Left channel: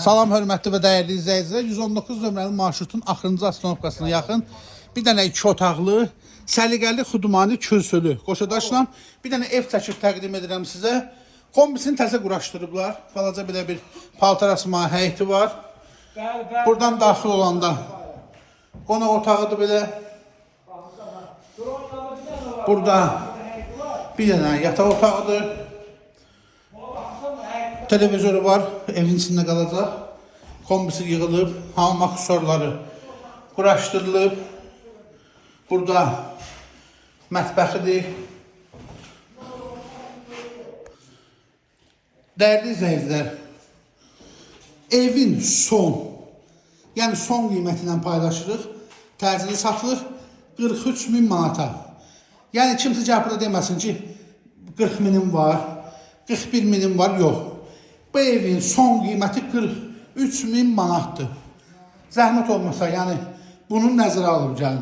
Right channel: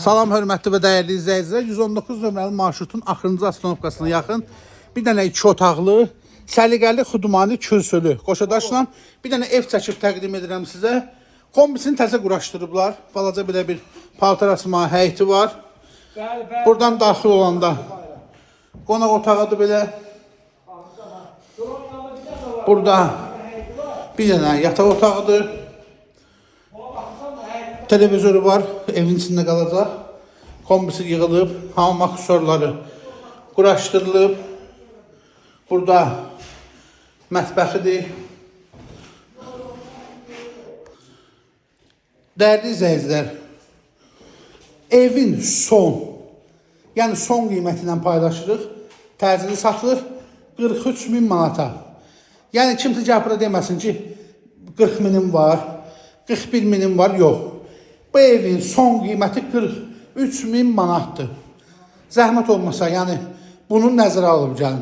Salam hörmətli və dəyərli izləyicilər. 119 nömrəli marşrutun axırıncı astanovkasına yaxın bir dənə 2 otaqlı, səliqəli xudmani kürsülü qoşadaşla bir dənə ev çəkib təqdim edirəm sizə. Kombisini təzə quraşdırıblar. Balaca belə bir paltar asma həyəti var. Buradan daxil olanda qonaq otağıdır belə. Burada bir dənə yataq otağıdır. Televizörü var, evin içində qalacaq. Kombisi yığılıb, hamam aksesuarları quraşdırılıb. Burada mətbəxidir. Dəyərli izləyicilər, evin son qiyməti ilə paylaşırıq. Təcili satılır 43.000 manata. Yəni kimsə gəlib deməsin ki 40.000 var, 41.000 var, yox. Bu evin son qiyməti 43.000 manatdır. Zəhmət olmasa, yəni bunu nəzərə alıb gəlin.